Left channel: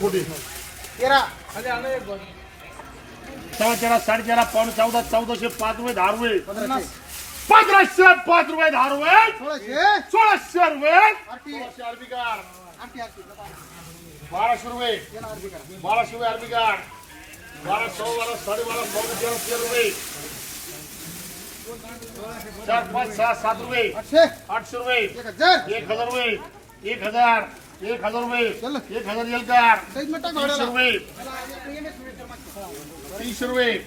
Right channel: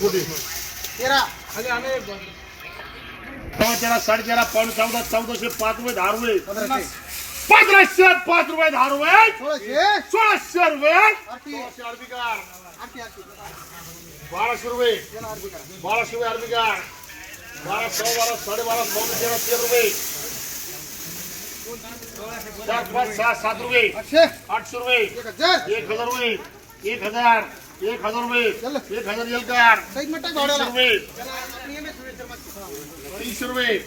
तेरा. तेव्हा त्याला साडेतेरा पाऊण चौदा चौदाशे पाच रुपये दहा रुपये पंधराशे पाच रुपये दहा रुपये. सोळाशे रुपये बाराशे रुपये. तेरा बाराशे रुपये कार बारा सव्वा बारा साडेबारा पावणे तेरा तेरा रुपये. चार पाच सहा सात रुपये. आठशे. रुपये. एक हजार रुपये. एक हजार. एक हजार रुपये. चल. एक हजार तीनशे भाड्याला रुपये. तीनशे रुपये.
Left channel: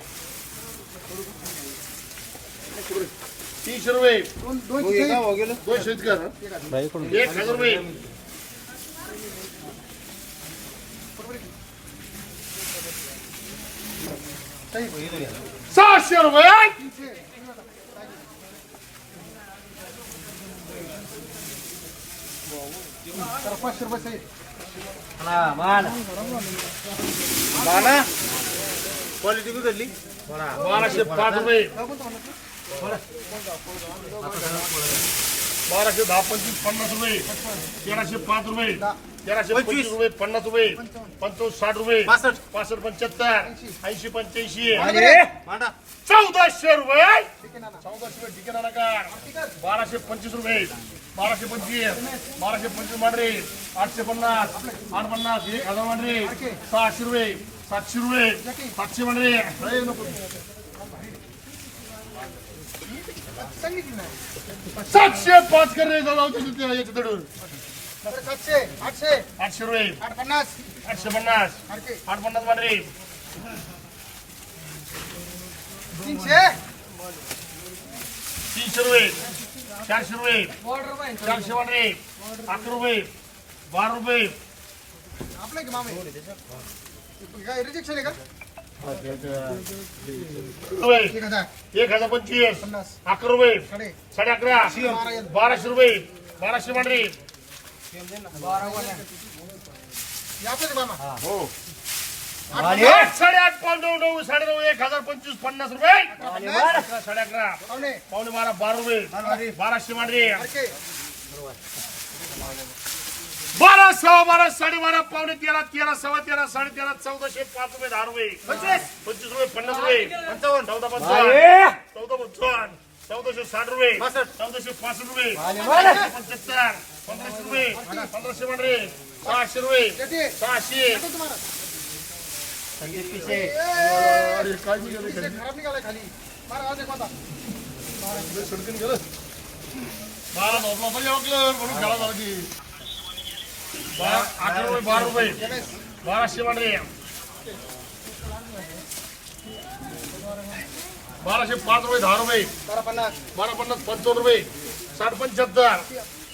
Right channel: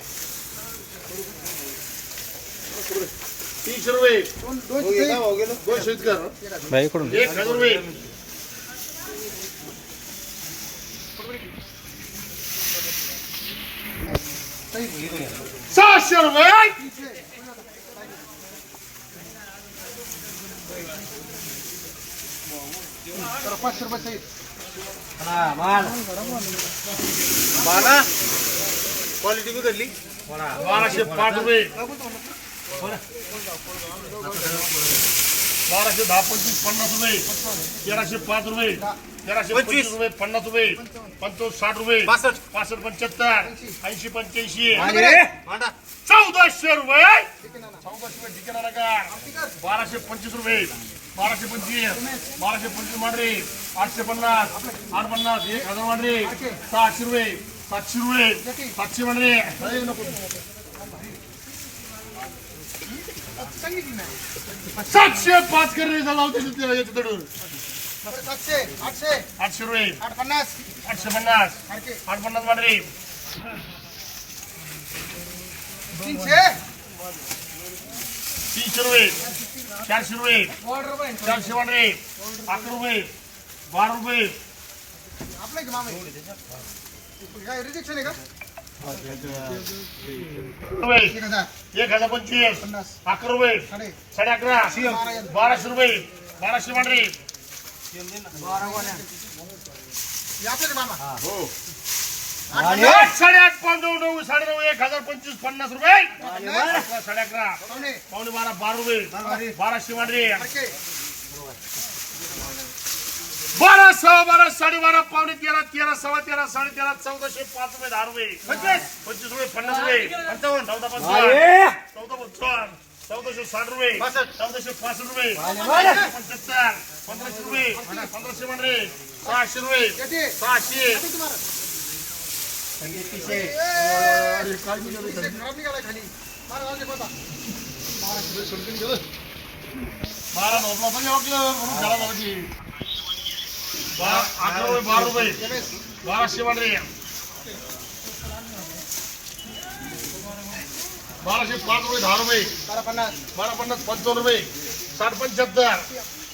तीनशे रुपये. दोनशे कर एक हजार रुपये. सहाशे रुपये. तर पाचशे रुपये सहित क्वालिटी बिघडली बाराशे पाच रुपये बाराशे दहा पंचवीस पन्नास रुपये. तेराशे पाच रुपये. तेराशे पंचवीस. रुपये पन्नास रुपये पंचावन्न. साठ रुपये पासष्ट. पासष्ट पंच्याहत्तर ऐंशी पंच्याऐंशी. चौदाशे रुपये. चौदाशे का? कर. बाराशे पंचवीस रुपये. बाराशे पंचवीस. बाराशे पंचवीस मांडरे. आठशे पन्नास. आठ पन्नास एक हजार मांडरे. सहाशे रुपये. सातशे रुपये. सातशे मांडरे. सातशे पाच करणे जाऊ बरं, सातशे आठशे. आठशे रुपये. आठ पन्नास आठशे पन्नास. आठ पन्नास मांडरे तीनशे. तीनशे रुपये. चारशे रुपये. चारशे मांडरे अकरा रुपये. बारा रुपये. आपले की मामे? काय रिजेक्शन आहे का? एक हजार. पंचवीस. अकरा रुपये. साडे. साडे अकरा. बाराशे. रुपये. बाराशे मांडरे याचं मामा आठ पाच नऊ नऊ साडे नऊ एक हजार पंचवीस पन्नास रुपये. अकरा, साडे अकरा पाहुणे पावणे. बारा बारा रुपये. बाराशे मांडरे बारा सहा बारा साडेबारा पावणे तेरा तेरा सव्वा तेरा साडे तेरा चौदाशे पाच रुपये दहा रुपये. पंचवीस. पंचवीस रुपये पन्नास रुपये. पंचावन्न. चौदा पंचावन्न. चौदा पंचावन्न. चौदाशे साठ रुपये. चौदाशे पासष्ट रुपये. पंच्याहत्तर पंधराशे रुपये. पंधराशे मांडरे सहाशे रुपये. सहाशे. बारा नोटला झाला की बारा अकरा रुपये बारा रुपये. बाराशे मांडरे बाराशे पाच रुपये दहा रुपये. बारा पन्नास बारा पन्नास पंचावन्न रुपये. साठ पंच्याहत्तर.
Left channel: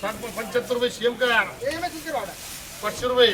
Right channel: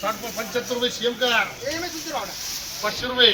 साठ पंच्याहत्तर रुपये सीएम कार. एम एस भावडा पाचशे रुपये.